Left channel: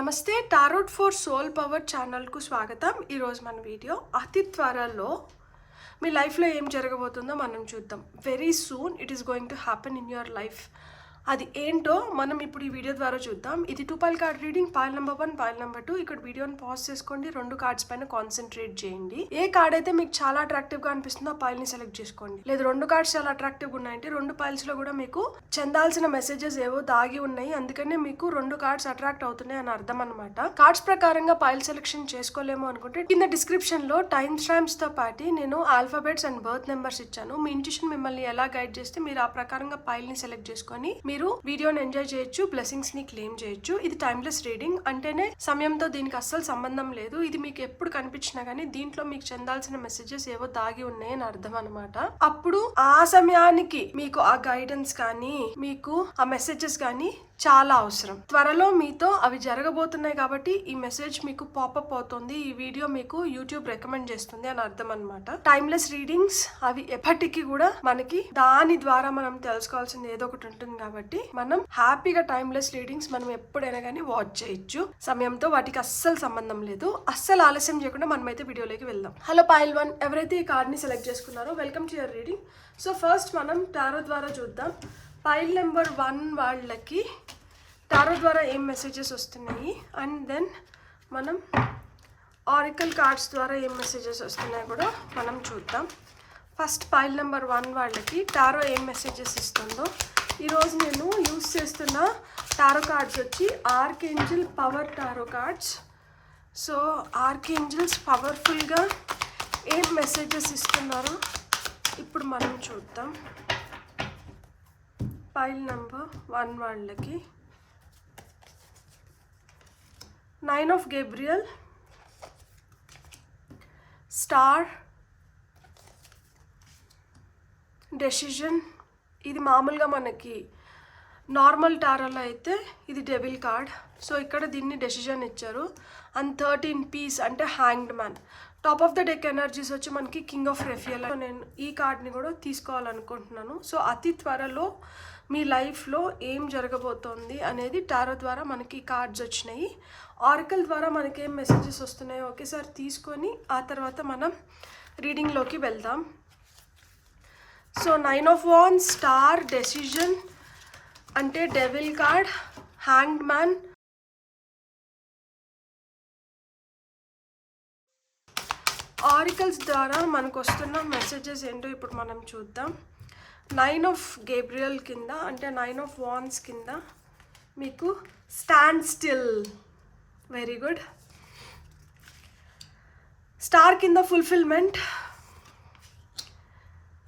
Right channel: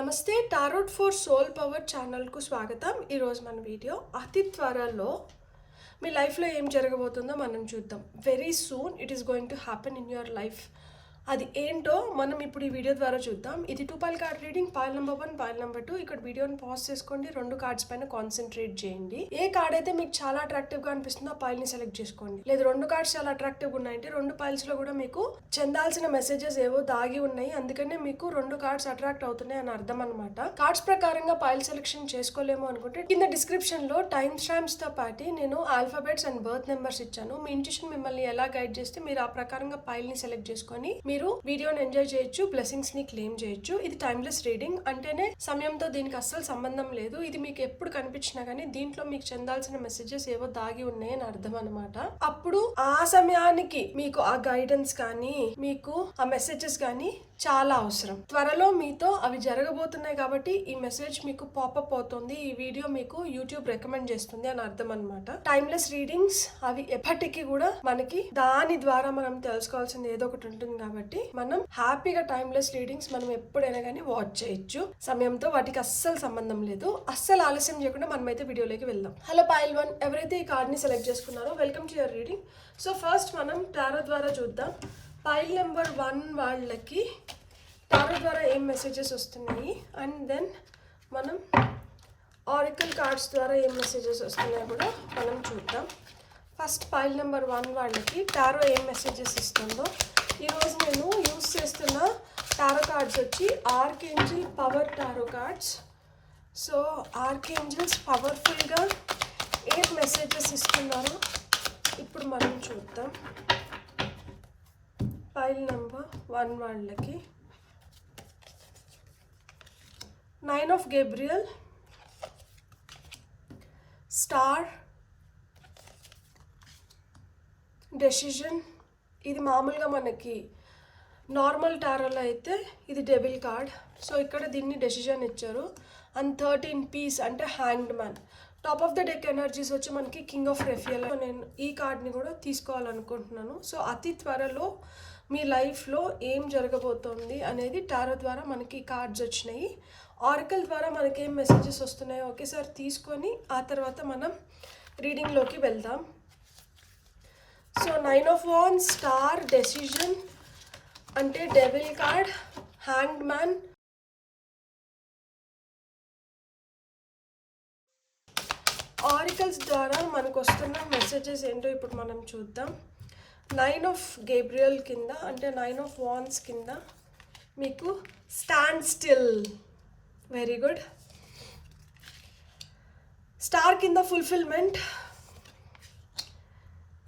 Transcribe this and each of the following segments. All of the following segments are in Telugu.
నమస్తే టారోట్ ఫర్ సోల్ పవర్ ఛానల్కు స్వాగతం. ఈరోజు మన వీడియో అతి త్వరలో మీ లైఫ్లో ఏం జరగబోతుందో మనం చూద్దాం. Very soon it is going to happen in your life. అది ఏంటో మనం ఇప్పుడు ఈ వీడియో ద్వారా చూద్దాం. ఇది 2 pile card reading. Pile number 1, pile number 2. ఇక్కడ వీడియోని పాజ్ చేసుకోండి, 2 కార్డ్స్ పైన కాన్సన్ట్రేట్ చేయండి. ఏ కార్డ్ అయితే మీకు చాలా అట్రాక్టివ్ గా అనిపిస్తుందో ఆ పైల్ ని సెలెక్ట్ చేసుకోండి. లేదు 2 కార్డ్స్ చాలా అట్రాక్టివ్ గా ఉన్నాయంటే 2 పైల్స్ లో కూడా మీకు చెందాల్సిన మెసేజెస్ ఏవో దాగి ఉన్నాయి, అందుకనే మీకు 2 కార్డ్స్ అట్రాక్ట్ అవుతున్నాయి అని అర్థం అనమాట. కార్డ్స్ ప్రకారంగా పైల్ సెలెక్షన్ చేసుకోలేము అనుకుంటే కింద డిస్క్రిప్షన్ లో టైమ్ స్టాంప్స్ తో పాటు నేను ఆల్ఫాబెట్స్ అండ్ బర్త్ నెంబర్స్ ఇచ్చాను. మీ ఇంట్యూషన్ మిమ్మల్ని ఎలా గైడ్ చేస్తే మీరు ఆ ప్రకారంగా పైల్ ని సెలెక్ట్ చేసుకొని మీరు వీడియోని ఎంజాయ్ చేయొచ్చు, బ్లెస్సింగ్స్ ని క్లెయిమ్ చేయొచ్చు. ఇది టైమ్లెస్ రీడింగ్ అంటేనే సమయంతో దీనికి అస్సలు సంబంధం లేదు. ఇది మీకు ఎప్పుడు కనిపించినా గానీ దీంట్లో మీకు చెందాల్సిన మెసేజెస్ ఏవో దాగి ఉన్నాయని అర్థం అనమాట. అప్పుడు ఆ సమయానికి మీకు ఆ గైడెన్స్ కానీ మీకు ఆ మెసేజెస్ కానీ చాలా అవసరం. త్వరలో మీతో అవి జరగబోతున్నాయి కాబట్టి ఈ మెసేజ్ మీకు పాపప్ అవుతుంది, ఈ వీడియో మీకు యూట్యూబ్ రికమెండ్ చేస్తుంది అని అర్థం అనమాట. టైమ్లెస్ రీడింగ్స్ అవి ఎప్పటికీ కూడా మనకి దాని ద్వారా మనం తెలుసుకోవాల్సింది ఏదో ఒకటి ఉంటుంది కాబట్టి మనం హ్యాపీగా టైమ్లెస్ రీడింగ్స్ మనం ఎప్పుడైనా కానీ వాచ్ చేయొచ్చు. సమయంతో వాటికి అస్సలు సంబంధం లేదు. అస్సలు ఆలస్యం చేయకుండా మనమైతే వీడియోలోకి వెళ్దాం. హలో పైల్ 1, ఎవరైతే ఈ కార్డ్ ని సెలెక్ట్ చేసుకున్నారో welcome to your reading. So first మనం టారో ద్వారా చూద్దాం. పైల్ నెంబర్ 1 వాళ్ళకి టారో ద్వారా ఏం మెసేజెస్ వస్తున్నాయి అండ్ దెన్ మనం ఆరికల్ కార్డ్స్ ద్వారా ఏం మెసేజెస్ వస్తున్నాయో కూడా మనం చూద్దాం. ఫస్ట్ పైల్ నెంబర్ 1 వాళ్ళకి టారో ఏం మెసేజెస్ ఇస్తుందో. ఈరోజు నేను యూస్ చేస్తున్న టారో కార్డ్స్ వచ్చి archangel power tarot cards. So archangels పవర్ఫుల్గా ఏం మెసేజెస్ ఇస్తున్నారో ఇప్పుడు మనం చూద్దాం. పైల్ నెంబర్ 1 వాళ్ళకి 9 ఆఫ్ గేబ్రియల్, స్టార్, డెసిజన్. ఇది మామూలుగా మనకి నార్మల్ టారోలో అయితే ఇది డెవిల్ కార్డ్. సో ఇక్కడ దీన్ని డెసిజన్ ఇచ్చారు. అండ్ 13 పీస్ అంటే hanged man. Top of the deck energies వచ్చి మనకి కింగ్ ఆఫ్ రెఫియల్. నేను ఈ కార్డ్ని కూడా తీసుకోవాలనుకుంటున్నాను. సో అతి త్వరలో మీ లైఫ్లో ఏం జరగబోతోంది అనేది టారో ద్వారా మనకి కార్డ్స్ వచ్చినాయి. ఆరికల్ ద్వారా మనకి ఏం మెసేజెస్ వస్తున్నాయో ఒకేసారి తీసుకొని ఆ తర్వాత మనం రీడింగ్లోకి వెళ్దాం. So 9 of wands, star, decision అంటే devil card, hanged man. Oracles ద్వారా మనకు వస్తున్న మెసేజెస్ ఏంటో ఇప్పుడు మనం చూద్దాం. 9 ఆఫ్ గేబ్రియల్ కింద అంటే 9 ఆఫ్ వాండ్స్ కింద మీకు stand still. Very good. Star కింద ఫుల్ఫిల్మెంట్.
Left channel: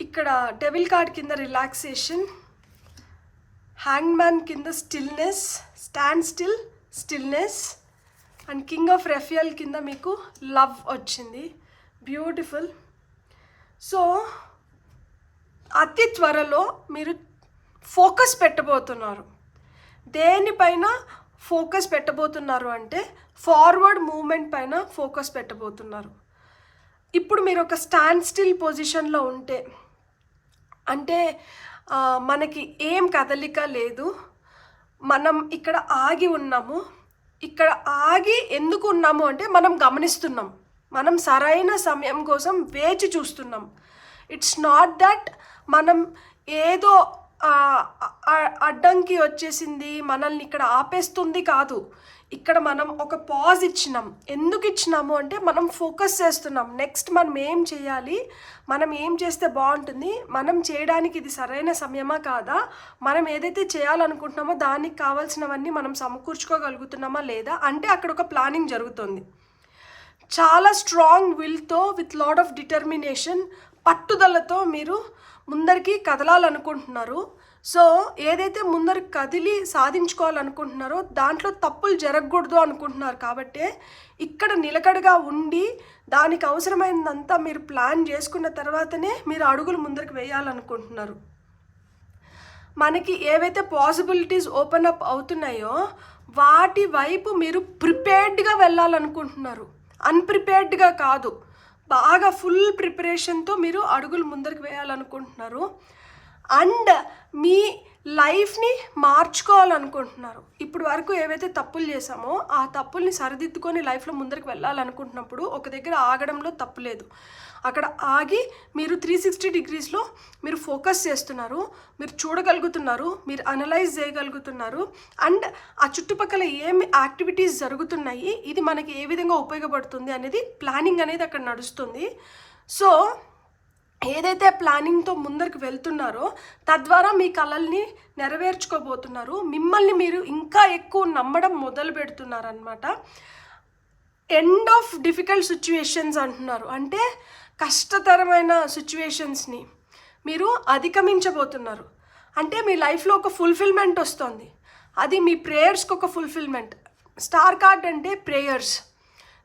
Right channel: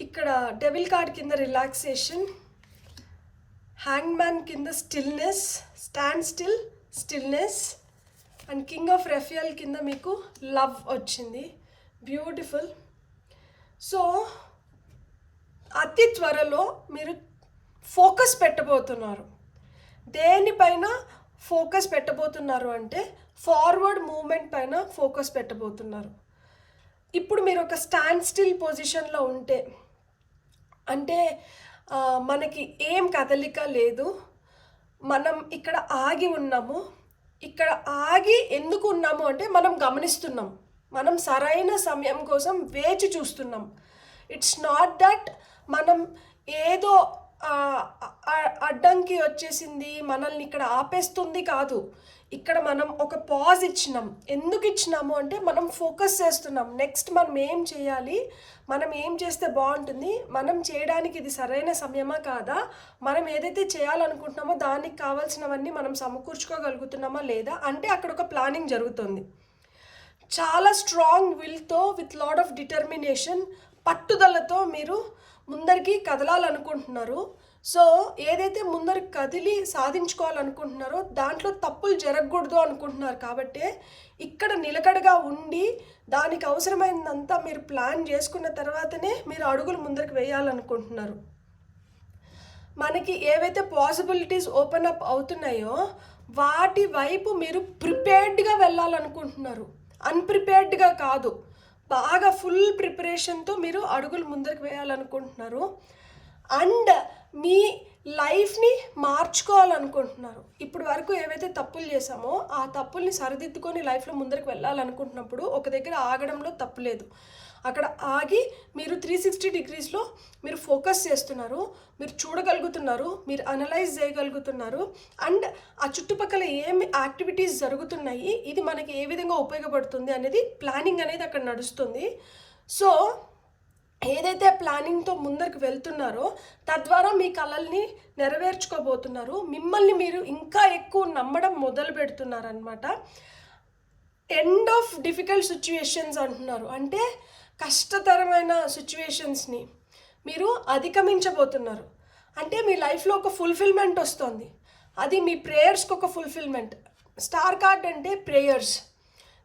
ఇక్కడ డెవిల్ కార్డ్ కింద రిలాక్సేషన్, హ్యాంగ్ మ్యాన్ కింద stillness, stand still, stillness. And king of రెఫియల్ కింద మీకు లవ్ వచ్చింది. బ్యూటిఫుల్. సో అతి త్వరలో మీరు ఫోకస్ పెట్టబోతున్నారు. దేనిపైన ఫోకస్ పెట్టబోతున్నారు అంటే ఫార్వర్డ్ మూమెంట్ పైన ఫోకస్ పెట్టబోతున్నారు. ఇప్పుడు మీరు ఒక స్టాండ్ స్టిల్ పొజిషన్లో ఉంటే అంటే మనకి ఏం కదలిక లేదు, మనం ఇక్కడ ఆగి ఉన్నాము. ఇక్కడ ఆగి ఎందుకు ఉన్నాము అంటే మనం గమనిస్తున్నాం, మనం సరైన సమయం కోసం వేచి చూస్తున్నాం. ఇట్స్ నాట్ దట్ మనం ఏదో అడ్డంకి వచ్చేసింది మనల్ని ఇక్కడ ఆపేస్తుంది కాదు. ఇక్కడ మనం ఒక పాజ్ ఇచ్చినాం. ఎందుకు ఇచ్చినాము అంటే మనం ఫోకస్ చేస్తున్నాం. నెక్స్ట్ మనం ఏం చేయాలి, మనం ఏం చేస్తే బాగుంటుంది, మనం చేయడానికి ఇది సరైన సమయమా కాదా, మనం ఏదైతే చేయాలనుకుంటున్నామో దానికి కావాల్సినవన్నీ మనం సమకూర్చుకోగలుగుతున్నామా లేదా అంటే అక్కడ ఒక ప్లానింగ్ జరుగుతుంది. చాలా స్ట్రాంగ్ విల్తో విత్ లాట్ ఆఫ్ డిటర్మినేషన్, పట్టుదలతో మీరు ముందరికి కదలాలనుకుంటున్నారు. సో ఏదైతే ముందరికి కదిలి సాధించుకోవాలనుకుంటున్నారో దాంట్లో తప్పులు జరగకూడదు అనుకుంటున్నారు. కాబట్టి ఇక్కడ నిలకడగా ఉండి దానికి అవసరమైనంతా మీరు ప్లాన్ చేసుకున్న తర్వాతనే మీరు అడుగులు ముందరికి వేయాలనుకుంటున్నారు. మనకి ఏవైతే పాసిబిలిటీస్ ఓపెన్ అప్ అవుతున్నాయో వాటి వైపు మీరు ప్రిపేర్డ్గా వెళ్ళాలనుకుంటున్నారు, అన్ప్రిపేర్డ్గా కాదు. బాగా ఫుల్ ప్రిపరేషన్తో మీరు అడుగులు ముందరికి వేయాలనుకుంటున్నారు. అండ్ మీ లైఫ్ని మార్చుకోవాలనుకుంటున్నారు. ఇప్పుడు వరకు ఏవైతే తప్పులు చేసామో ఆ తప్పుల్ని సరిదిద్దుకొని లైఫ్లో ముందరికి వెళ్ళాలనుకుంటున్నప్పుడు ఒక దగ్గర ఆగడంలో తప్పు లేదు. అక్కడ ఆగి మీరు 360 డిగ్రీస్లో మీరు ఫోకస్ చేస్తున్నారు, మీరు చూడగలుగుతున్నారు, మీరు అనలైజ్ చేయగలుగుతున్నారు. అండ్ ఆ చుట్టుపక్కల ఏమి యాక్టివిటీస్ జరుగుతున్నాయి, ఇది మనకి ఏ విధంగా ఉపయోగపడుతుంది అనేది ప్లానింగ్ అనేది అక్కడ నడుస్తుంది. సో ఏదైతే ప్లానింగ్తో ముందరికి వెళ్తున్నారో తద్వారా మీ కలల్ని నెరవేర్చుకోబోతున్నారు. మిమ్మల్ని మీరు ఇంకా ఎక్కువ నమ్మడం మొదలు పెడుతున్నారనమాట. ఎండ్ ఆఫ్ డిఫికల్ట్ సిచ్యువేషన్స్ అంటున్నారు. అంటే కష్టతరమైన సిచ్యువేషన్స్ని మీరు అధిగమించబోతున్నారు. అంటే మీ లైఫ్లో ఒక ఫుల్ఫిల్మెంట్ వస్తుంది. అది మీ ప్రేయర్స్కి ఒక ఫుల్ఫిల్మెంట్. స్టార్ కార్డ్ అంటే ప్రేయర్స్.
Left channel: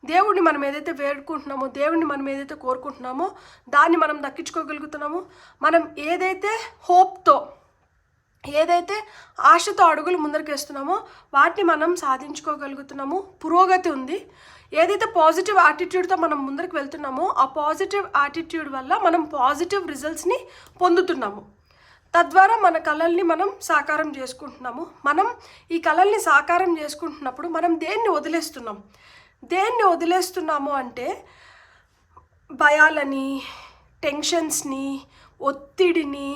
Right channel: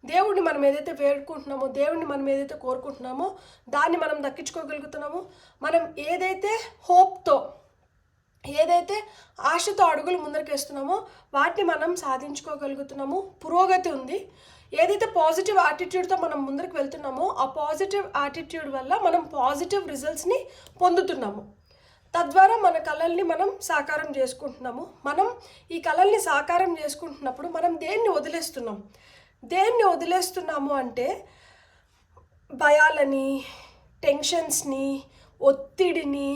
దేవుడిని మనం ఏదైతే వేడుకుంటున్నామో, దేవుడిని మనం ఏదైతే కోరుకుంటున్నామో దాన్ని మనం దక్కించుకోగలుగుతున్నామో, మనం ఏదైతే హోప్తో, ఏదైతే ఆశతో అడుగులు ముందరికి వేస్తున్నామో వాటిని మనం సాధించుకోగలుగుతున్నాము. పురోగతి ఉంది. ఏదైతే పాజిటివ్ యాటిట్యూడ్తో మనం ముందరికి వెళ్తున్నామో ఆ పాజిటివ్ యాటిట్యూడ్ వల్ల మనం పాజిటివ్ రిజల్ట్స్ని పొందుతున్నాము. తద్వారా మన కళల్ని మనం సాకారం చేసుకుంటున్నాము. మనం ఈ కళల్ని సాకారం చేసుకుంటున్నప్పుడు మనం దేన్ని వదిలేస్తున్నాము అంటే భయాలని, టెన్షన్స్ని, ఒత్తిడిని,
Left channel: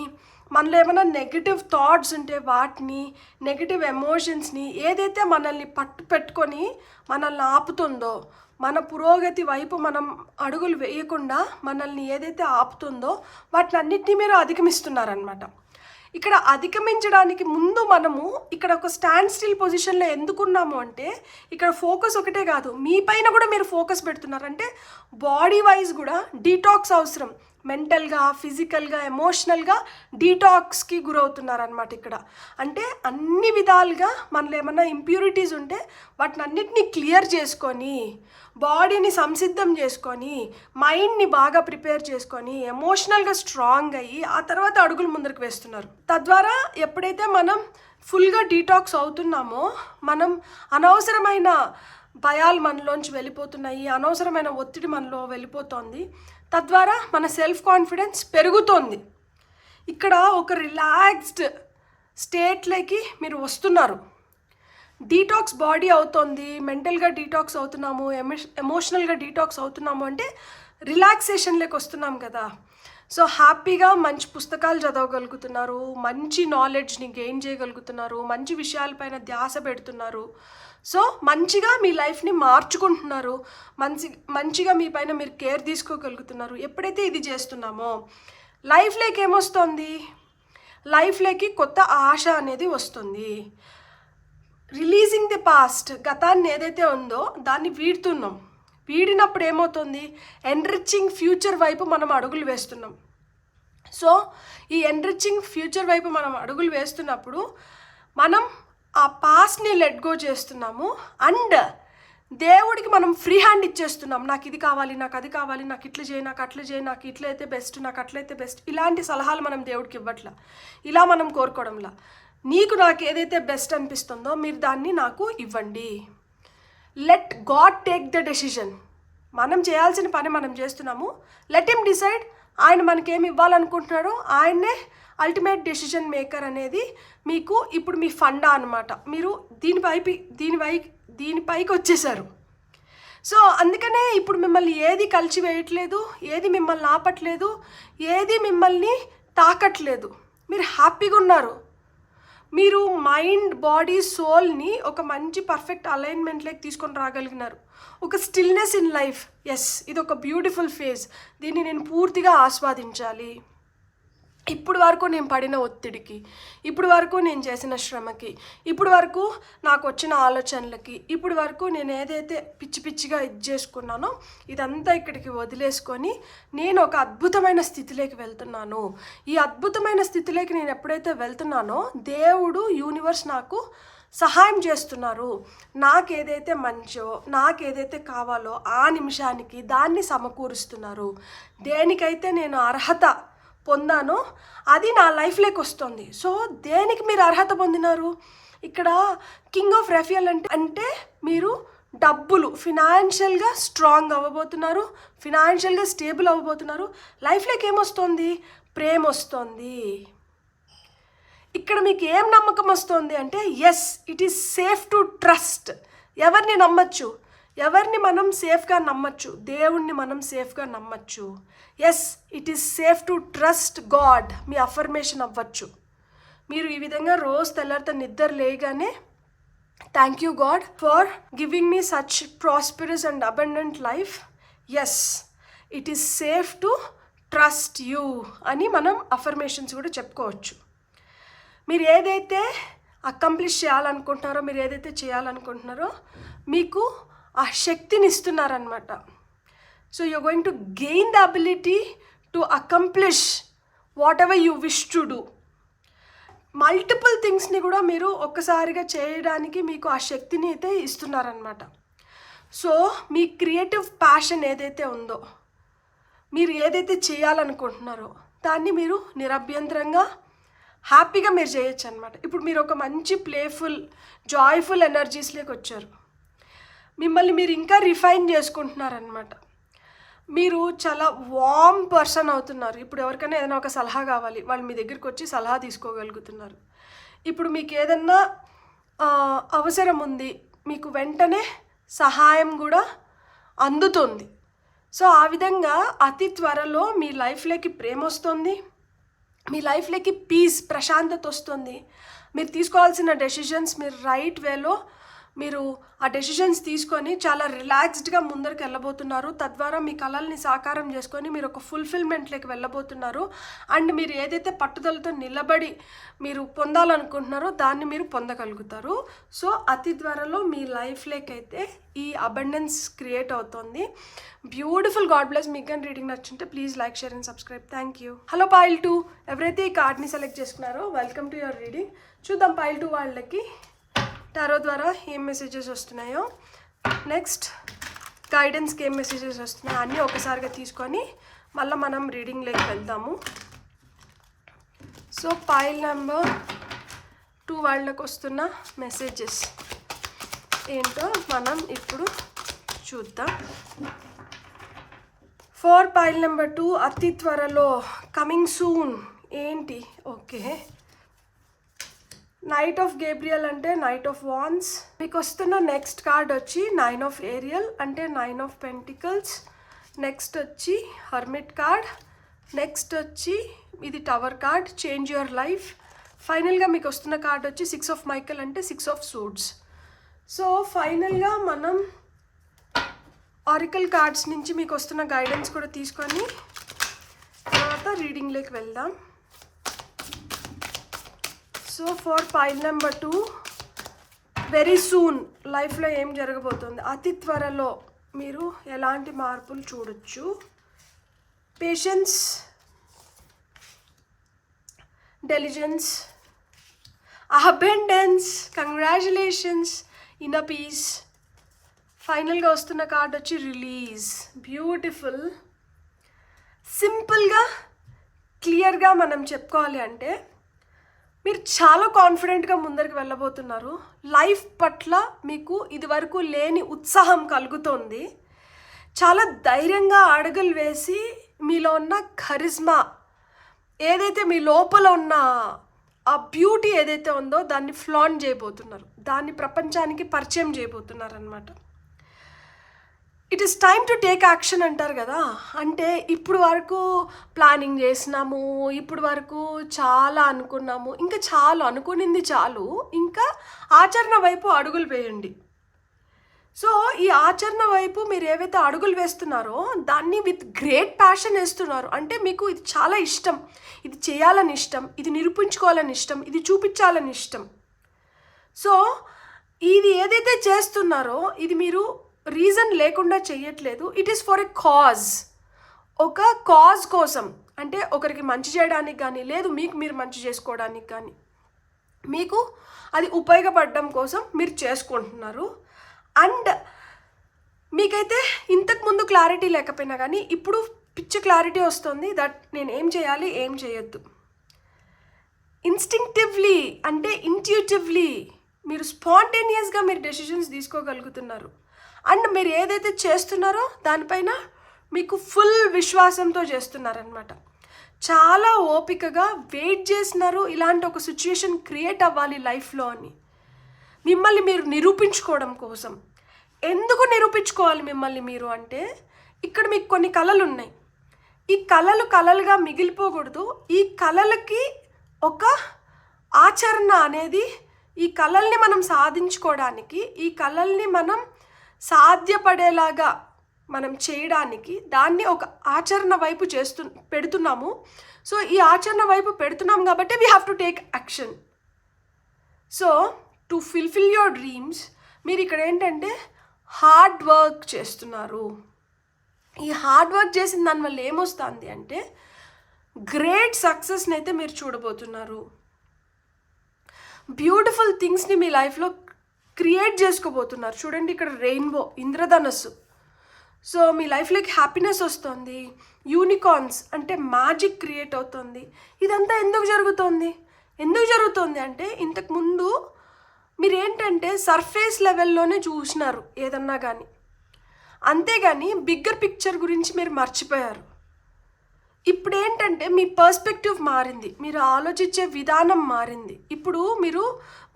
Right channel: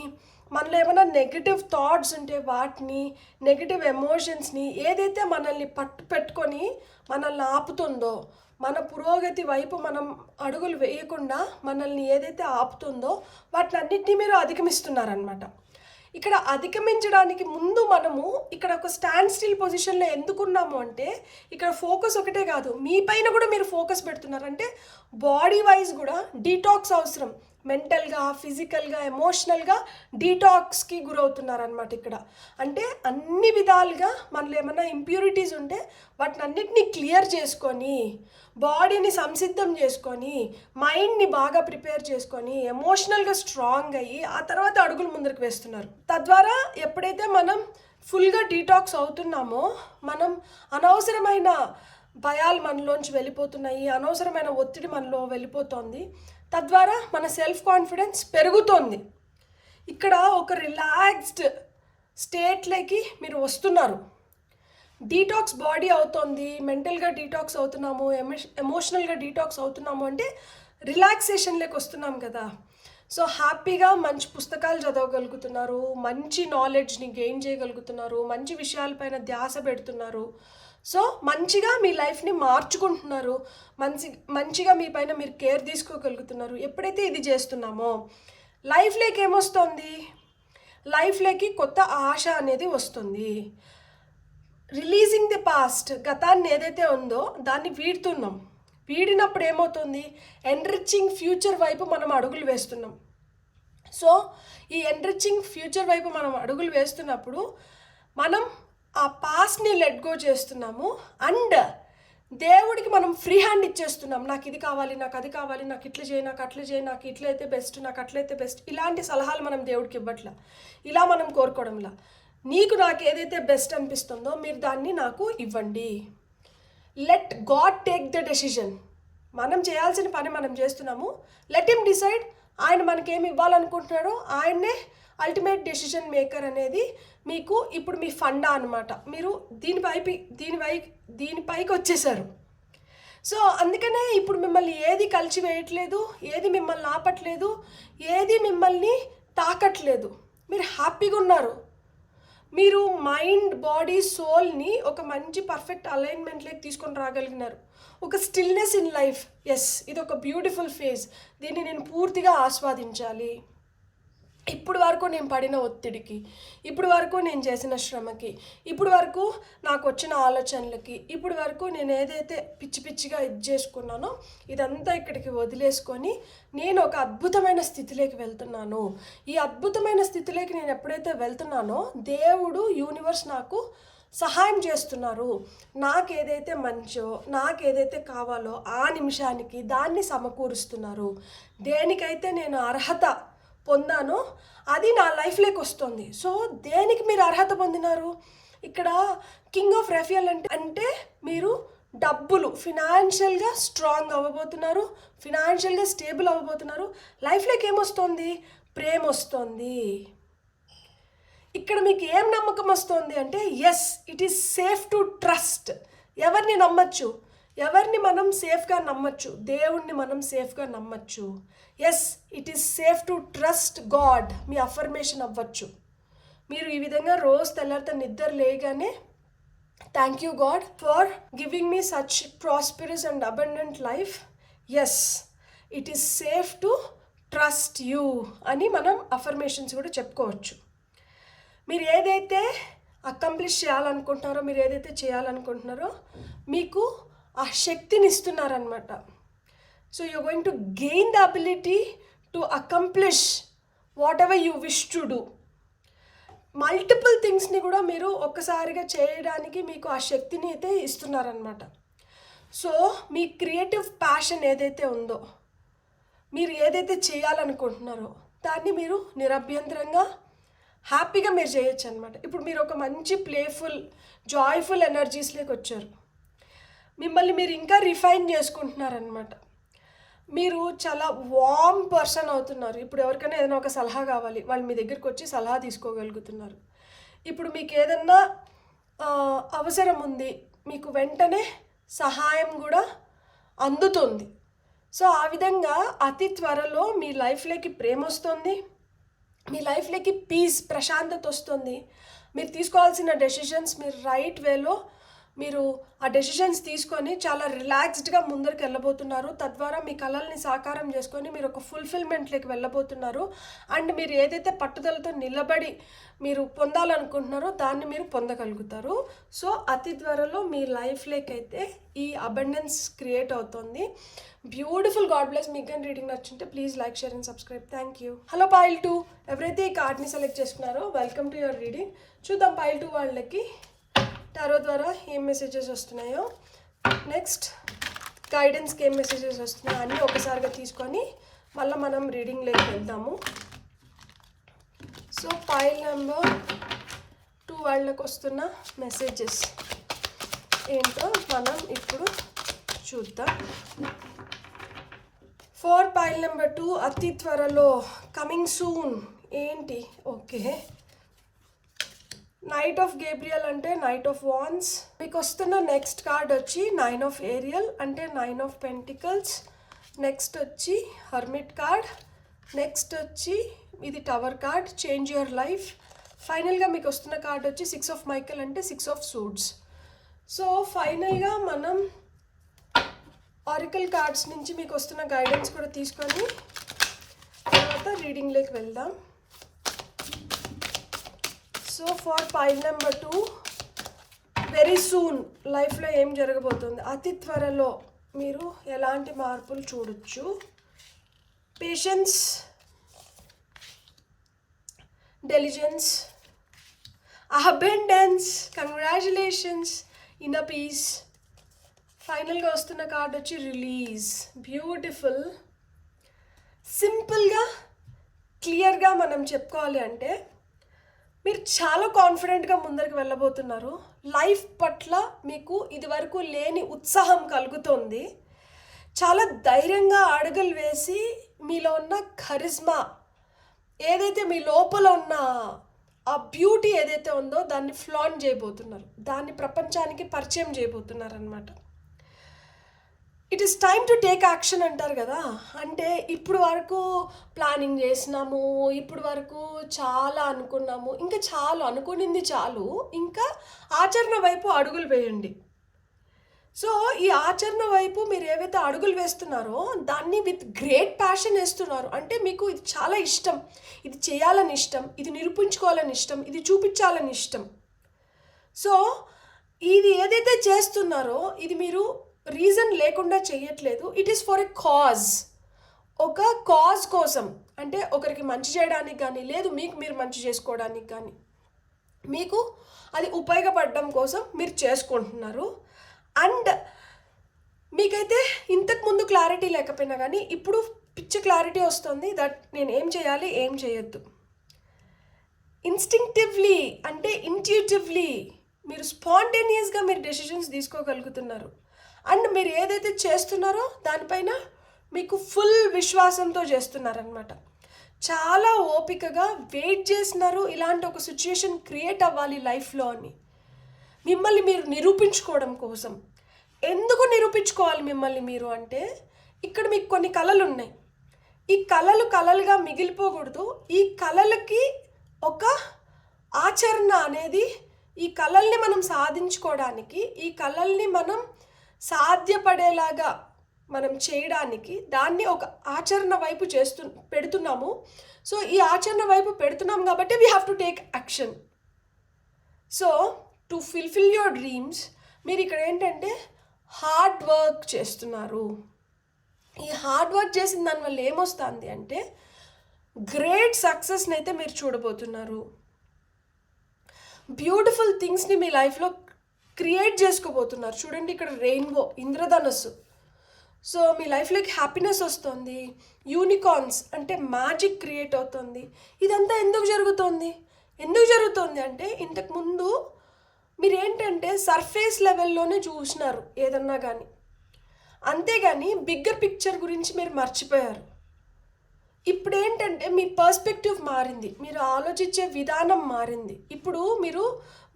మనలో ఏమైనా నెగిటివ్ థాట్స్ ఉంటే వాటిని, నెగిటివ్ ఎమోషన్స్ని, ఏదైతే మనల్ని పట్టు పెట్టుకొని మనల్ని ఆపుతుందో, మన పురోగతి వైపు మనం అడుగులు వేయకుండా మనల్ని ఏదైతే ఆపుతుందో వాటిని అన్నిటినీ మీరు అధిగమిస్తున్నారనమాట. ఇక్కడ అధిగమించడానికి ముందు మనము ఇక్కడ ఒక స్టాండ్ స్టిల్ పొజిషన్లో ఎందుకున్నాము అంటే ఇక్కడ ఫోకస్ ఒకటే కాదు, మీ పైన కూడా మీరు ఫోకస్ పెడుతున్నారు. అంటే బాడీ వైజ్ కూడా డీటాక్స్ అవసరం. మెంటల్గా, ఫిజికల్గా, ఎమోషనల్గా డీటాక్స్కి గురవుతున్నారు అనమాట ఇక్కడ. అంటే అన్ని విధాలుగా మనలో ఏమన్నా ఇంప్యూరిటీస్ ఉంటే వాటిని అన్నిటినీ క్లియర్ చేసుకొని, బాడీని సంసిద్ధం చేసుకొని, మైండ్ని బాగా ప్రిపేర్ చేసుకొని, ఎమోషనల్గా స్ట్రాంగ్ అయ్యి ఆ తర్వాత అడుగులు ముందరికి వేస్తున్నారు. తద్వారా ఎప్పుడైతే మనం ఫుల్గా డీటాక్స్ అవుతున్నామో మనం అనవసరమైన భయాలు మనలోంచి వెళ్ళిపోతున్నాయి, అనవసరమైన ఒత్తిడి మనలో వెళ్ళిపోతుంది. తద్వారా మన సెల్ఫ్ కాన్ఫిడెన్స్ పెరుగుతోంది. ఇక్కడ ఒక రిలాక్స్డ్ స్టేట్లోకి మీరు వస్తున్నారు. డీటాక్స్ బాడీ అవుతుంది, మెంటల్గా డీటాక్స్ అవుతున్నాము, ఎమోషనల్గా డీటాక్స్ అవుతున్నాము అంటే రిలాక్సేషన్లోకి వస్తున్నాం కదా. సో హ్యాపీగా మంచి పుస్తకాలు చదవగలుగుతున్నారు, మంచి నాలెడ్జ్ని గెయిన్ చేయగలుగుతున్నారు, మంచి విషయాలపైన ధ్యాస పెడుతున్నారు. సో మంచిగా మీ లైఫ్ని మార్చుకుంటున్నారు, మంచిగా మీ పైన మీరు కేర్ తీసుకోగలుగుతున్నారు. ఎప్పుడైతే ఇది చేస్తున్నామో లైఫ్లోకి ఏమొస్తుంది, లైఫ్లోకి కొత్త ఆశ అనేది వస్తుంది. రిలీజింగ్ ది పాస్ట్, గతాన్ని ఏదైతే ఉందో దాన్ని వీడుతున్నాం. వీడినప్పుడు ఏమవుతుంది, ఎన్రిచింగ్ ఫ్యూచర్ వైపు మనం అడుగులు వేస్తున్నాం. సో ఈ ఎన్రిచింగ్ ఫ్యూచర్ వైపు మనం అడుగులు వేస్తున్నప్పుడు మనం ఆ పాస్ట్ని లెట్ గో చేస్తున్నాము. అండ్ దేవుడికి మనం ఫ్రీ హ్యాండ్ ఇచ్చేస్తున్నాం. నాకు ఇది కావాలి, నాకు అది కావాలి, నాకు ఇట్లా చేయి, నాకు అట్లా చేయి, నాకు ఇట్లయితే బెస్ట్, నాకు అట్లయితే బెస్ట్, ఇలాంటి సలహాలు మనం దేవుడికి ఇవ్వట్లా, ఇలా మనం కోరుకోవడంలా. నాకు ఏదైతే బెస్ట్ అనిపిస్తుందో మీరు దాన్ని నాకు ఇవ్వండి. Let God take the decision. మనం చేయాల్సిన పని మనం చేస్తున్నాము. Let him decide. ఆయన మనకేమి ఇవ్వాలనుకుంటున్నాడో ఆయన్నే అల్టిమేట్ డెసిషన్ మేకర్ అనేది మీకు ఇప్పుడు మీ ఫండా అనమాట. మీరు దీనిపైకి వచ్చేసారు. సో అందుకనే ఇప్పుడు మిమ్మల్ని ఏది కలిసివేయట్లేదు, ఏది మిమ్మల్ని ఆపట్లేదు, ఏది మిమ్మల్ని తాకట్లేదు. మీరు హ్యాపీగా ఉన్నారు. మీరు మైండ్, బాడీ, సోల్ని ఒక మంచి పర్ఫెక్ట్ అలైన్మెంట్లోకి తీసుకొని రాగలిగినారు. ఒక స్టిల్నెస్ ఇన్ లైఫ్. ఎస్, ఇది ఒక బ్యూటిఫుల్ ఫేజ్. దీన్ని నేను పూర్తిగా ఆస్వాదించాలి. ఇప్పుడు వరకు నేను పడిన ఒత్తిడికి, ఇప్పుడు వరకు నేను చేసిన శ్రమకి, ఇప్పుడు వరకు నాకు వచ్చిన ఆలోచనలకి, ఇప్పుడు వరకు నేను ఏదైతే పిచ్చిగా ఇది చేసుకున్నానో ఇదంతా ఇక్కడికి వదిలేసుకొని నేను ఒక అద్భుతమైన స్థితిలోకి వెళ్తున్నాను. ఈ అద్భుతమైన స్థితిలోకి నేను ఎప్పుడైతే వెళ్తున్నానో దేవుడు, యూనివర్స్ నాకు సహాయం చేస్తున్నారు. నాకేదైతే మంచో, నాకేదైతే కావాలో ఆ నిమిషానికి దాన్ని సమకూరుస్తున్నారు. దేనికైతే నేను అర్హత పొందానో అది నా లైఫ్లోకి వస్తుంది. సో దేనికి మీరు అర్హత పొందినారు? ఇక్కడ కింగ్ ఆఫ్ రాఫియల్ అంటే మీరు డబ్బులు, ఫినాన్షియల్గా స్ట్రాంగ్ అవ్వబోతున్నారు, ఫినాన్షియల్గా స్టేబుల్ అవ్వబోతున్నారు. లైఫ్లోకి ఏమొస్తుంది? ప్రేమ వస్తుంది. ఇక్కడ మీకు ఏం నమ్మకం వస్తుంది అంటే yes it is safe to trust. ఎవరిని నమ్మచ్చు? ఎవరిని మనం సేఫ్గా నమ్మచ్చు? దేవుణ్ణి మనం సేఫ్గా నమ్మచ్చు. Yes it is safe to trust God. మీ అఫర్మేషన్ అవ్వచ్చు. మీరు ఈ విధంగా రోజు తెల్లారితో నిద్ర లేగానే thank you God for giving me such prosperous and abundant life. Yes it is safe to trust you అని మనం అఫర్మేషన్స్ కూడా చెప్పుకోవచ్చు. మీరు ఏదైతే అకంప్లిష్ చేయాలనుకుంటున్నారో, మీరు ఏదైతే చేయాలనుకుంటున్నారో మీకు ఆ శక్తిని ఇస్తున్నారనమాట. So you're going to gain the ability to accomplish whatever you wish to do. Multiple థింగ్స్ని కూడా మీరు ఒక్కసారిగా చేయడానికి మీకు ఆ శక్తిని అయితే ఇస్తున్నారనమాట. సో మీ క్రియేటివ్ ప్యాషన్ ఏదైతే ఉందో, మీరు ఏదైతే చేయాలనుకుంటున్నారో దాన్ని మీరు నిరభ్యంతరంగా హ్యాపీగా మీరు చేయొచ్చు అనమాట. ఇప్పుడు మీరు ఒక మంచి ప్లేఫుల్ జాయ్ఫుల్ ఎనర్జీస్లోకి వచ్చారు. మిమ్మల్ని మీరు ఇంకా రిఫైన్ చేసుకుంటున్నారనమాట. మీరు చాలా వార్మ్ పర్సన్ అవుతున్నారు. ఇప్పుడు ఎవరికైనా ఏదైనా ఒక సలహా కావాలి, వాళ్ళు మీ దగ్గరికి వచ్చి సలహా తీసుకోగలుగుతున్నారు. ఇప్పుడు మీకు ఏదన్నా అవసరం ఉంది, మీకు వెంటనే సహాయం కూడా అందుతుంది. సో ఆ విధంగా అతి త్వరలో మీ లైఫ్లోకి ప్రేమ వస్తుంది, మీ లైఫ్లోకి పీస్ ప్రశాంతత వస్తుంది. మీరు తీసుకోవాల్సిన డెసిషన్స్ మీరు రైట్ వేలో మీరు ఆ డెసిషన్స్ తీసుకొని చాలా రిలాక్స్డ్గా ముందరికి వెళ్ళబోతున్నారు. తద్వారా మీ కళల్ని సాకారం చేసుకొని మీరు ఒక ఫుల్ఫిల్మెంట్లోకి వెళ్ళబోతున్నారు. అండ్ మీరు ఏదైతే పట్టుదలతో నిలబడి మీరు పొందాలనుకుంటున్నారో దాన్ని మీరు పొందగలుగుతారు. సో అతి త్వరలో మీ లైఫ్లోకి అయితే ఈ అబండెన్స్ క్రియేట్ అవుతుంది. బ్యూటిఫుల్. God bless. మీకు కానీ రీడింగ్ నచ్చుంటే please like, share and subscribe. Thank you. Hello pile 2, ఎవరైతే ఈ కార్డ్ని సెలెక్ట్ చేసుకున్నారో వెల్కమ్ టు యువర్ రీడింగ్. చూద్దాం పైల్ 2 వాళ్ళకి టారో ద్వారా ఏం మెసేజెస్ వస్తున్నాయో, నెక్స్ట్ గైడెన్స్కి ఏం మెసేజెస్ వస్తున్నాయో అన్నీ ఒకసారిగా తీసుకొని మళ్ళీ మనం రీడింగ్లోకి వెళ్దాము. సో పైల్ నెంబర్ 2 వాళ్ళకి వస్తున్న మెసేజెస్ ఏంటో మనం ఇప్పుడు చూద్దాం. ఫర్ పైల్ నెంబర్ 2 అతి త్వరలో, కమింగ్ సూన్ ఏంటి? ఓకే, నైట్ ఆఫ్ గేబ్రియల్ అంటే నైట్ ఆఫ్ వాన్స్. మీకు వస్తున్న నెక్స్ట్ కార్డ్ వచ్చి 9 ఆఫ్ ఏరియల్ అంటే 9 ఆఫ్ పెంటికల్స్. నెక్స్ట్ వచ్చి హర్మిట్ కార్డ్. నెక్స్ట్ వచ్చి ఇది tower card, change your life. ఫైనల్గా మీకు వస్తున్న కార్డ్ వచ్చి 6 ఆఫ్ మైకల్ అంటే 6 ఆఫ్ సూట్స్. సో ఫైనల్గా మనం ఆరికల్ కార్డ్స్ నుంచి మీకు వస్తున్న గైడెన్స్ కూడా తీసుకొని తర్వాత రీడింగ్లోకి వెళ్దాం. So for pile number 2 very soon లైఫ్లో ఏం జరగబోతుంది? అతి త్వరలో మీరు ఎలాంటి మార్పులు చూడొచ్చు? Patience, diligence, abundance, congratulations, inner peace. ఫైనల్గా వస్తున్న కార్డ్ వచ్చి రిలీజ్. బ్యూటిఫుల్. సింపుల్గా క్లియర్గా మనం చెప్పుకోవాలి అంటే మీరు చాలా కాన్ఫిడెంట్గా ముందరికి వెళ్ళబోతున్నారు. లైఫ్ పట్ల మీకు ఇదివరకు లేని ఉత్సాహం కలుగుతోంది. చాలా ధైర్యంగా అడుగులు వేసి మీలో ఉన్న కరిజ్మా ఏదైతే మీ లోపల ఉన్న ఆ బ్యూటీ ఏదైతే ఉందో దాన్ని ఫ్లాంట్ చేయబోతున్నారు, దాన్ని ప్రపంచానికి పరిచయం చేయబోతున్నారు అన్నమాట. It is time to take action అంటారు కదా. అంటే ఇప్పుడు వరకు ప్లానింగ్ చేసినాము, ఇప్పుడు వరకు చాలా అనుకున్నాము, ఇంకా చాలు అనుకునింది చాలు, ఇంకా ఆచరణ వైపు అడుగులు వేయండి. సో ఈ ఆచరణ వైపు మీరు ఏవైతే అడుగులు వేస్తున్నారో దాన్ని విత్ గ్రేట్ ప్యాషన్ వేస్తున్నారు. అంటే మీకు ఇది చాలా ఇష్టం, ఇది చేయాలని ఇష్టం, ఇది నిరూపించుకోవాలని ఇష్టం, ఇది చూపించాలని ఇష్టం. సో ఇది ఏదైతే చేస్తున్నారో ఇది మీరు రీజన్ లేకుండా చేయట్లేదు. It is for a cause. ఒక కాజ్ కోసం, అంటే ఒకరికి మంచి చేయడానికి కానీ, లేదు మీకు మీరు మంచి చేసుకోవడానికి కానీ, మీకు అది ఉపయోగపడడం కోసం మీరు చేసుకుంటున్నారు. అండ్ మీకైతే ఇంతకుముందు క్లారిటీ లేకపోయినా కానీ ఇప్పుడు పిచ్చి క్లారిటీ వస్తుంది దట్ నేను ఏం చేయాలి, ఏం చేయొద్దు. ఇన్స్టింక్టివ్లీ అంటే ఇంట్యూటివ్లీ మీరు స్పాంటేనియస్గా మీరు డెసిషన్స్ తీసుకోగలుగుతున్నారు. అండ్ మీరు ఏదైతే చేస్తున్నారో దానిపైన మీకు ఫుల్ విశ్వాసంతో చేస్తున్నారనమాట. చాలా ఓపికగా వెయిట్ చేసినారు ఇలాంటి ఒక సిచ్యుయేషన్ క్రియేట్ అవ్వాలి లైఫ్లో అని, మిమ్మల్ని మీరు నిరూపించుకోవడం కోసం. ఎందుకు నిరూపించుకోవాలి మిమ్మల్ని మీరు అంటే, ఇక్కడ మీకు కొన్ని కళలు ఉన్నాయి. ఈ కళలు కళలుగా మిగిలిపోకూడదు. ఈ కళలకి ఒక ఆచరణ అనేది, ఈ కళల్ని మనం సాధించుకోవడానికి, ఈ కళల్ని మనం సాధ్యపడేలాగా మనం చేయడానికి దాన్ని ఒక ఆచరణ వైపు పెడుతున్నాము. సో ఈ ఆచరణ వైపు పెడుతున్నాం కాబట్టి we have to take action. So to fulfil your dreams మీరు ఇక్కడ ఏంటంటే హార్డ్ వర్క్ చేస్తున్నారు. ఈ హార్డ్ వర్క్ చేసిన దానివల్ల ఏమొస్తుంది అంటే గ్రేట్ సక్సెస్ని అయితే మీరు చూడబోతున్నారు. బ్యూటిఫుల్ థింగ్స్ని మీ లైఫ్లో క్రియేట్ చేసుకోబోతున్నారు. చూడండి ఇక్కడ రెయిన్బో, ఇంద్రధనస్సు. సో మీ లైఫ్లోకి హ్యాపీనెస్ వస్తుంది. యూనికార్న్స్ అంటే మ్యాజిక్ క్రియేట్ అవుతుంది. ఇదంతా ఎందుకు జరుగుతుంది అంటే ఇంతకుముందు మీరు ఏంటంటే సర్ఫేస్ లెవెల్లోనే చూసినారు ఏదన్నా కానీ, అంతేగాని బిగ్గర్ పిక్చర్ గురించి మీరు మర్చిపోయారు. ఇప్పుడు ఏంటంటే మీ పర్స్పెక్టివ్ మారింది, మీరు ఆలోచించే విధానం మారింది. ఇప్పుడు మీరు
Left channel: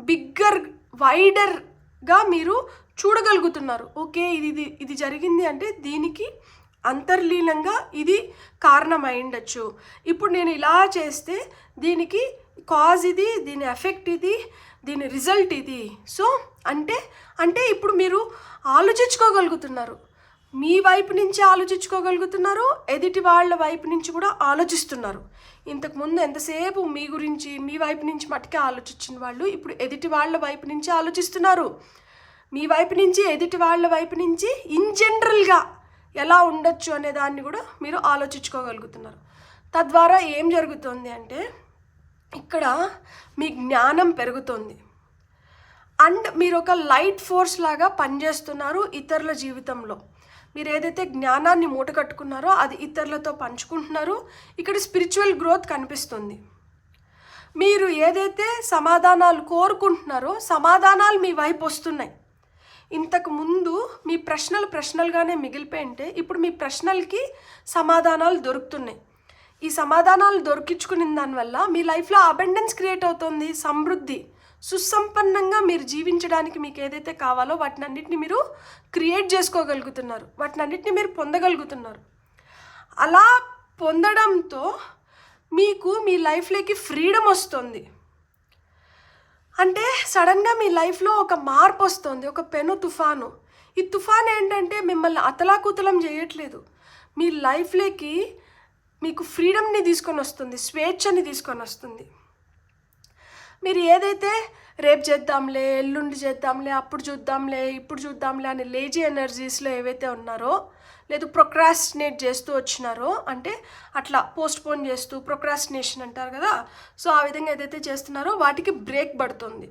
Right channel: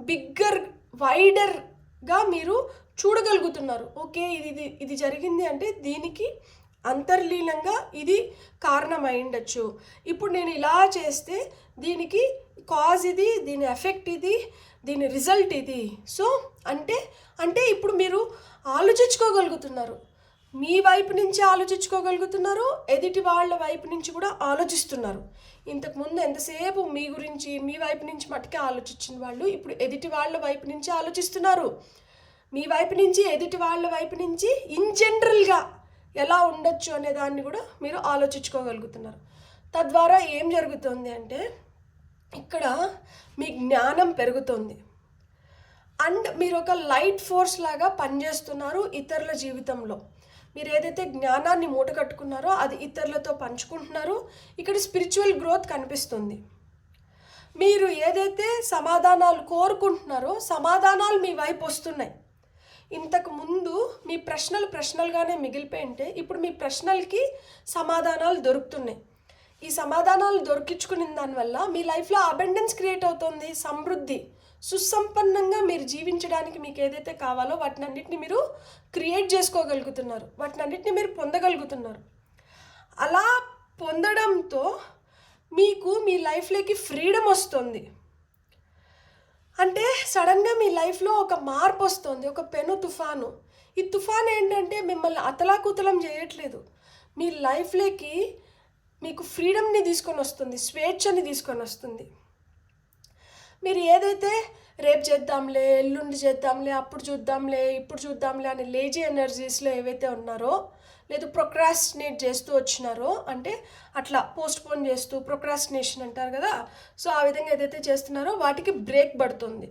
బిగ్గర్ వైడర్గా మీరు చూడగలుగుతున్నారు. ఓకే, ఇది జరిగింది అంటే దీనికి అంతర్లీనంగా ఇది కారణం అయిండొచ్చు. ఇప్పుడు నేను ఇలా చేస్తే దీనికి కాజ్ ఇది, దీని ఎఫెక్ట్ ఇది, దీని రిజల్ట్ ఇది. సో అంటే ఇప్పుడు మీరు ఆలోచించుకోగలుగుతున్నారు. మీ వైపు నుంచి ఆలోచించుకోగలుగుతున్నారు, ఎదుటి వాళ్ళ వైపు నుంచి కూడా ఆలోచిస్తున్నారు. ఇంతకుముందు ఎంతసేపు మీ గురించి మీ వైపు నుంచి మట్టుకే ఆలోచించిన వాళ్ళు ఇప్పుడు ఎదుటి వాళ్ళ వైపు నుంచి ఆలోచిస్తున్నారు. మీ వైపు నుంచి ఎదుటి వాళ్ళ వైపు నుంచి ఇన్ జనరల్గా ఎలా ఉండొచ్చు అనే దాన్ని కూడా మీరు ఆలోచించుకోగలుగుతున్నారు. తద్వారా ఏం జరుగుతుంది అంటే ఇక్కడ మీ జ్ఞానం పెరుగుతుంది అండ్ మీరు ఒక లైట్ ఫోర్స్ లాగా పనిచేస్తున్నారు ఇతరుల జీవితంలో. మీరు ఏదైతే జ్ఞానాన్ని మూట కట్టుకున్నారో అది ఇతరులతో పంచుకుంటున్నారు. ఇక్కడ స్పిరిచువల్ గ్రోత్ కనిపిస్తుంది. మీరు ఏదైతే సమాధానాలు కోరుకుంటున్నారో సమాధానాలు మీ వైపు వస్తున్నాయి. ఇంతకు ముందు మీ ప్రశ్నలుగానే మిగిలిపోయింటే ఇప్పుడు మీ ప్రశ్నలకి సమాధానాలు దొరుకుతున్నాయి. ఈ సమాధానాలు దొరికించుకున్న దానివల్ల మీ లైఫ్లో అబెండెన్స్ క్రియేట్ అవుతుంది. సమృద్ధి, సుసంపన్నంగా మీరు జీవించడానికి మీకు ఏదైతే కావాలో వాటినన్నిటిని మీరు క్రియేట్ చేసుకోగలుగుతున్నారు, వాటినన్నిటిని మీరు పొందగలుగుతున్నారు. అలా పొందడంతో మీకు మీ లైఫ్లోకి ఫ్రీడమ్ వస్తుంది. అంటే సడన్గా మీ లైఫ్లో ఒక మార్పు వస్తుంది, ఒక పెను తుఫాను. ఈ తుఫాన్ ఏంటంటే మిమ్మల్ని అతలాకుతలం చేయట్లేదు, మీ లైఫ్లోకి మీకు ఫ్రీడమ్ని తీసుకొని వస్తుంది, స్వేచ్ఛని తీసుకొని వస్తుంది. మీరు ఏదైతే రేపు చేద్దాంలే, ఎల్లుండి చేద్దాంలే, అప్పుడు చూద్దాంలే, ఇప్పుడు చూద్దాంలే అని లేజీ ఎనర్జీస్లో ఏవైతే ఉన్నారో, లేదు ప్రొక్రాస్టినేట్ చేస్తూ వచ్చినారో, అంటే అట్లా పోస్ట్పోన్ చేస్తూ ప్రొక్రాస్టినేషన్ అంటారు కదా, సో ఆ విధంగా ఏదైతే చేస్తున్నారో వాటికి బ్రేక్ పడుతుంది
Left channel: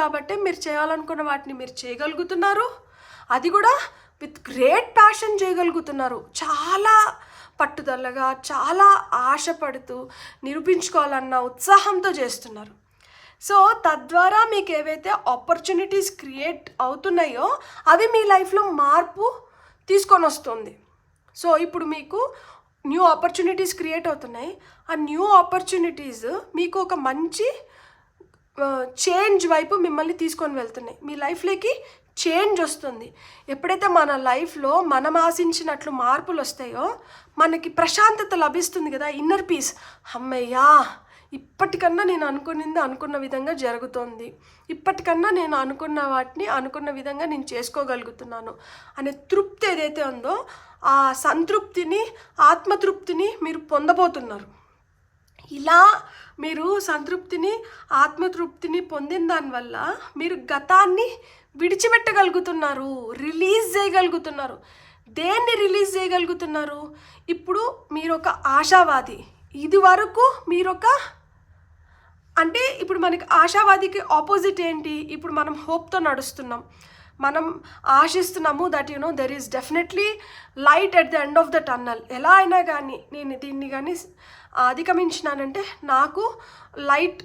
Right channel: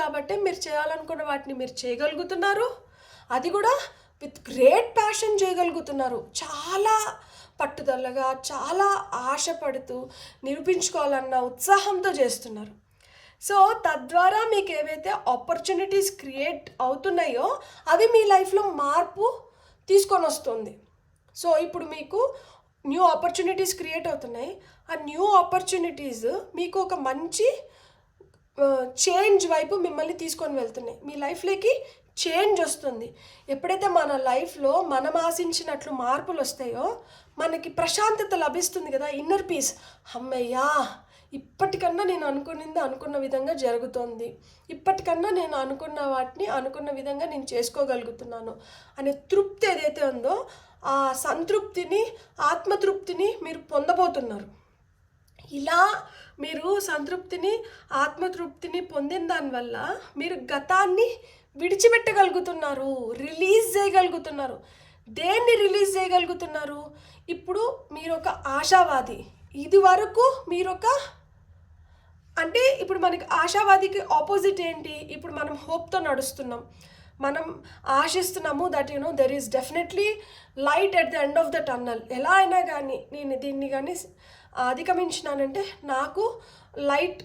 కాబట్టి మీరు చేయాలనుకున్న వాటిని మీరు చేయగలుగుతున్నారు. అది కూడా విత్ గ్రేట్ ప్యాషన్ చేయగలుగుతున్నారు. చాలా పట్టుదలగా, చాలా ఆశపడుతూ నిరూపించుకోవాలన్న ఉత్సాహంతో చేస్తున్నారు. సో తద్వారా మీకు ఏవైతే ఆపర్చునిటీస్ క్రియేట్ అవుతున్నాయో అవి మీ లైఫ్లో మార్పు తీసుకొని వస్తుంది. సో ఇప్పుడు మీకు న్యూ ఆపర్చునిటీస్ క్రియేట్ అవుతున్నాయి. ఆ న్యూ ఆపర్చునిటీస్ మీకు ఒక మంచి చేంజ్ వైపు మిమ్మల్ని తీసుకొని వెళ్తున్నాయి. మీ లైఫ్లోకి చేంజ్ వస్తుంది. ఎప్పుడైతే మన లైఫ్లో మనం ఆశించినట్లు మార్పులు వస్తాయో మనకి ప్రశాంతత లభిస్తుంది కదా, ఇన్నర్ పీస్. అమ్మయ్యా, ఇప్పటికన్నా నేను అనుకున్న విధంగా జరుగుతోంది, ఇప్పటికన్నా నేను అనుకున్న వాటిని అనుకున్న విధంగా నేను చేసుకోగలుగుతున్నాను అనే తృప్తి ఏదైతే ఉందో ఆ సంతృప్తిని, ఆత్మతృప్తిని మీరు పొందబోతున్నారు. ఇలా మీరు సంతృప్తిని, ఆత్మతృప్తిని పొందిన దానివల్ల మీరు గతాన్ని విడిచిపెట్టగలుగుతున్నారు, రిలీజ్ చేయగలుగుతున్నారు. దేన్ని రిలీజ్ చేయగలుగుతున్నారు? ఇప్పుడు మీరు ఒక ఆశావాది. ఇది వరకు మీరొక అంటే ఇప్పుడు మనకి ఆశావాదికి ఆపోజిట్ ఏంటి? ఇప్పుడు మనం హోప్తో నడుస్తున్నాం, మనం ఆశిస్తున్నాము that there is definitely light at the end of the tunnel. ఎలా అయినా కానీ నేను దీన్ని కానీ అధిగమించినానంటే నాకు లైట్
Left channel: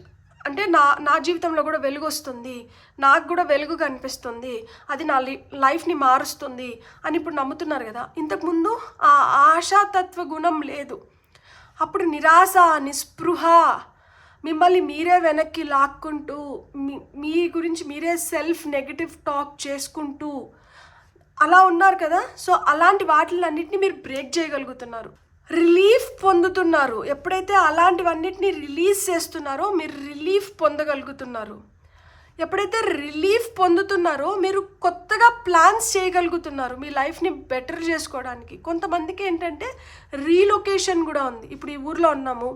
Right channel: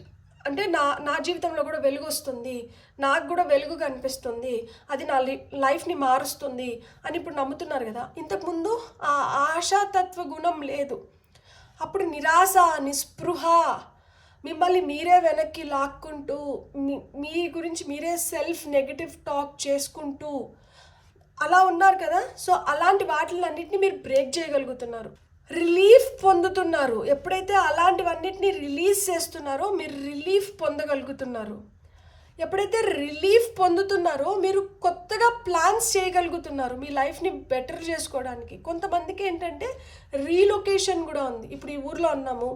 అంటే నా జీవితంలో కూడా వెలుగు వస్తుంది, నాకు కూడా వెలుగు కనిపిస్తుంది, అది నా లైఫ్ని మారుస్తుంది అని ఇప్పుడు నమ్ముతున్నారు కదా. ఇంతకుముందు ఆ ఆశాతత్వ గుణం లేదు. అప్పుడు నిరాశ, నిస్పృహ, మిమ్మల్ని మీరే వెనక్కి లాక్కుంటూ మీ గురించి మీరే సెల్ఫ్ నెగటివ్ టాక్ చేసుకుంటూ అలా ఉన్నారు కదా. సో అలాంటి వాటిలన్నింటినీ మీరు బ్రేక్ చేయగలుగుతున్నారు, రిలీఫ్ పొందుతున్నారు. ఎప్పుడైతే అలాంటివన్నిటిని రిలీజ్ చేస్తున్నారో మీరు రిలీఫ్ పొందగలుగుతున్నారు. ఎప్పుడైతే రిలీఫ్ పొందుతున్నారో మీరు కొత్తగా ప్లాన్స్ చేయగలుగుతున్నారు మీ లైఫ్ని బెటర్ చేసుకోవడానికి. కొంతమందికి ఏంటంటే రీలొకేషన్ కూడా ఉంది. ఇప్పుడు ఈ ఊర్లో ఉన్నాము,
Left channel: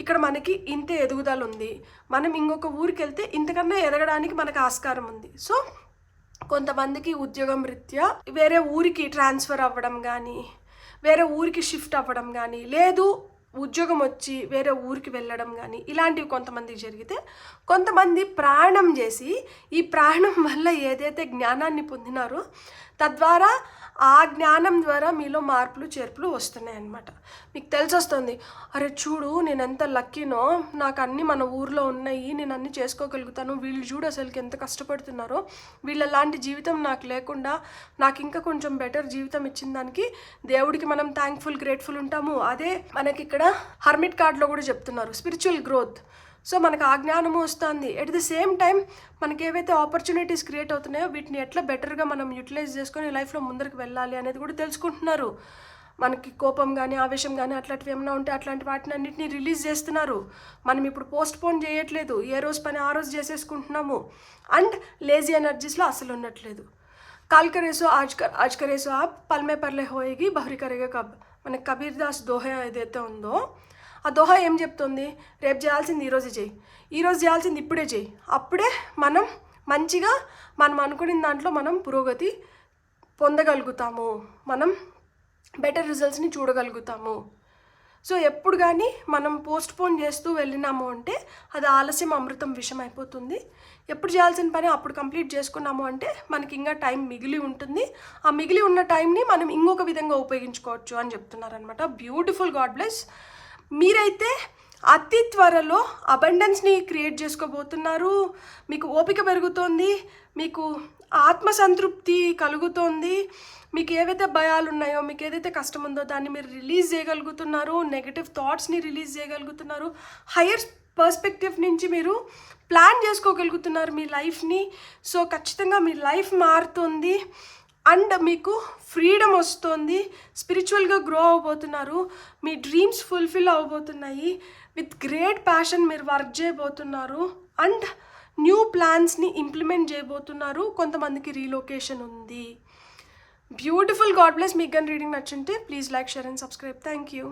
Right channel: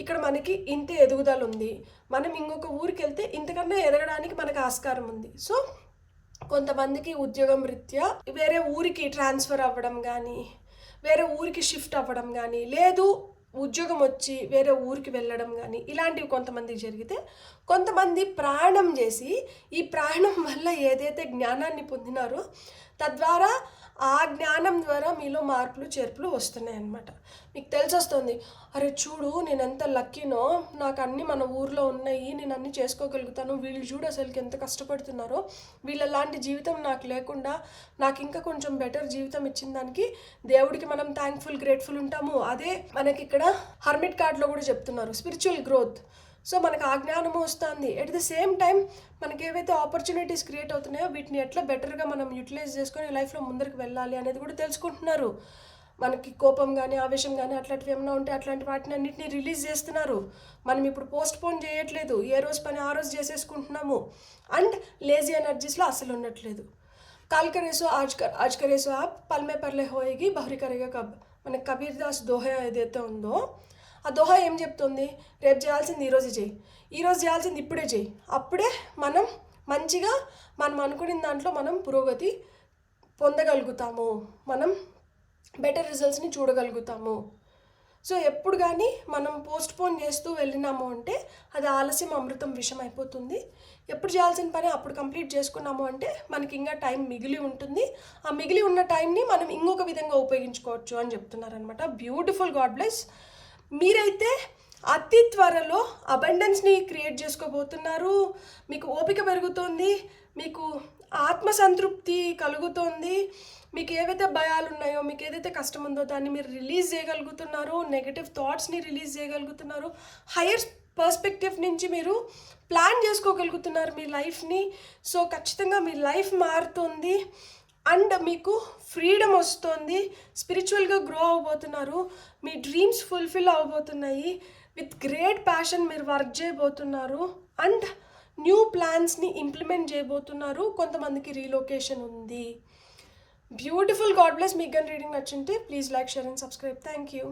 ఇక్కడ మనకి ఇంత ఎదుగుదల ఉంది, మనం ఇంకొక ఊరికి వెళ్తే ఇంతకన్నా ఎదగడానికి మనకు ఆస్కారం ఉంది. సో కొంతమందికి ఉద్యోగం రీత్యా వేరే ఊరికి ట్రాన్స్ఫర్ అవ్వడం కానీ, వేరే ఊరికి షిఫ్ట్ అవ్వడం కానీ, లేదు ఉద్యోగం వచ్చి వేరే ఊరికి వెళ్ళడం కానీ, ఇలాంటివి కొంతమందికి జరిగితే, కొంతమంది ప్రయాణం చేసి ఈ ప్రయాణం వల్ల ఏదైతే జ్ఞానాన్ని పొందినారో తద్వారా ఆ జ్ఞానం ద్వారా మీలో మార్పులు చేర్పులు వస్తున్నాయి అన్నమాట. మీకు తెలిసి వస్తుంది, అరే చూడు నేను ఎంత లక్కీనో, నాకు అన్నీ మన ఊర్లో ఉన్నాయి, నేను అన్నీ చేసుకోగలుగుతాను, వీళ్ళు చూడు అసలుకి ఎంత కష్టపడుతున్నారో, వీళ్ళలాంటి జీవితం నాకు లేకుండా నాకు ఇంకా కొంచెం బెటర్ జీవితం ఇచ్చిన దానికి దేవుడికి మనం థ్యాంక్ఫుల్ గ్రేట్ఫుల్ ఉంటాము. అదే మనకి ఇక్కడ హర్మిట్ కార్డ్లో కూడా చెప్తున్నారు స్పిరిచువల్ గ్రోత్. సో మనకు ఆ జ్ఞానము వస్తుంది. ఎట్ ది సేమ్ టైం మనకి ఏవైతే ఆపర్చునిటీస్ క్రియేట్ అవుతున్నాయో వీటిని ఎట్లా బెటర్గా మనం యూటిలైజ్ చేసుకొని లైఫ్లో ముందరికి వెళ్ళాలి అనేది కూడా తెలుసుకుంటున్నారు. మనకి కోపం కానీ ఆవేశం కానీ అట్లాంటివి ఏమైనా ఉంటే అట్లాంటి వాటిని అన్నింటినీ రిలీజ్ చేస్తున్నారు. మనం ఇప్పుడు పోస్ట్పోన్ చేయట్లేదు, ఏ రోజు పని ఆ రోజు చేసేసుకుంటున్నాము. అండ్ లేజీ ఎనర్జీస్లో అసలు ఉండట్లేదు. కాల్ కరేసో ఆజ్ కరేసో ఆప్ పల్మే పర్లే హోయేగి బహరి కరేగా కబ్. మన కబీర్ దాస్ దోహా ఏదైతే ఉందో ఆ దోహా ఏం చెప్తుంది, రేపు చేయాల్సింది ఈరోజు చేయి, ఈరోజు చేయాల్సింది ఇప్పుడే చేయి. అప్పుడే మనం మంచిగా మనం అనుకున్న దాంట్లో మనం పురోగతి పొందగలుగుతాము, మనం బెటర్ రిజల్ట్స్ని చూడగలుగుతాము. సో ఎప్పుడు కానీ మనం పోస్ట్పోన్ చేస్తూ వెళ్ళినాము అంటే అది ఆలస్యం అమృతం విషం అయిపోతుంది. ఎప్పుడు చేయాల్సిన పని అప్పుడు కంప్లీట్ చేసుకున్నాము అంటే మనకి ఇంకా టైం మిగిలి ఉంటుంది. ఆ మిగిలి ఉన్న టైంని మనం ఇంకొక విధంగా ఉపయోగించుకోవచ్చు అని చెప్తున్నారనమాట. Beautiful, God bless. మీరైతే అతి త్వరలో అబండెన్స్ని క్రియేట్ చేసుకోబోతున్నారు. మీకు ఓపిక పెరుగుతోంది, మీకు ఆత్మసంతృప్తి కలుగుతోంది. మీకు ఏవైతే భయాలు ఉన్నాయో, మీకు ఏదైతే కష్టం ఉందో దాన్ని మీరు రిలీజ్ చేయగలుగుతున్నారు, నెగటివ్ థాట్స్ని రిలీజ్ చేయగలుగుతున్నారు, హయ్యర్ పర్స్పెక్టివ్ నుంచి మీరు ప్లాన్ చేసుకోగలుగుతున్నారు మీ లైఫ్ని. సో ఖచ్చితంగా మీ లైఫ్ మారుతుంది అండ్ మీకు ఫ్రీడమ్ వస్తుంది, స్పిరిచువల్గా గ్రో అవబోతున్నారు, మీ డ్రీమ్స్ ఫుల్ఫిల్ అవ్వబోతున్నాయి, విత్ గ్రేట్ ప్యాషన్ మీరు వర్క్ చేయబోతున్నారు అండ్ న్యూ ప్లాన్స్ని ఇంప్లిమెంట్ చేయబోతున్నారు. కొంతమందికి రీలొకేషన్ ఉంది. Beautiful, God bless. మీకు కానీ రీడింగ్ నచ్చుంటే please like, share and subscribe. Thank you.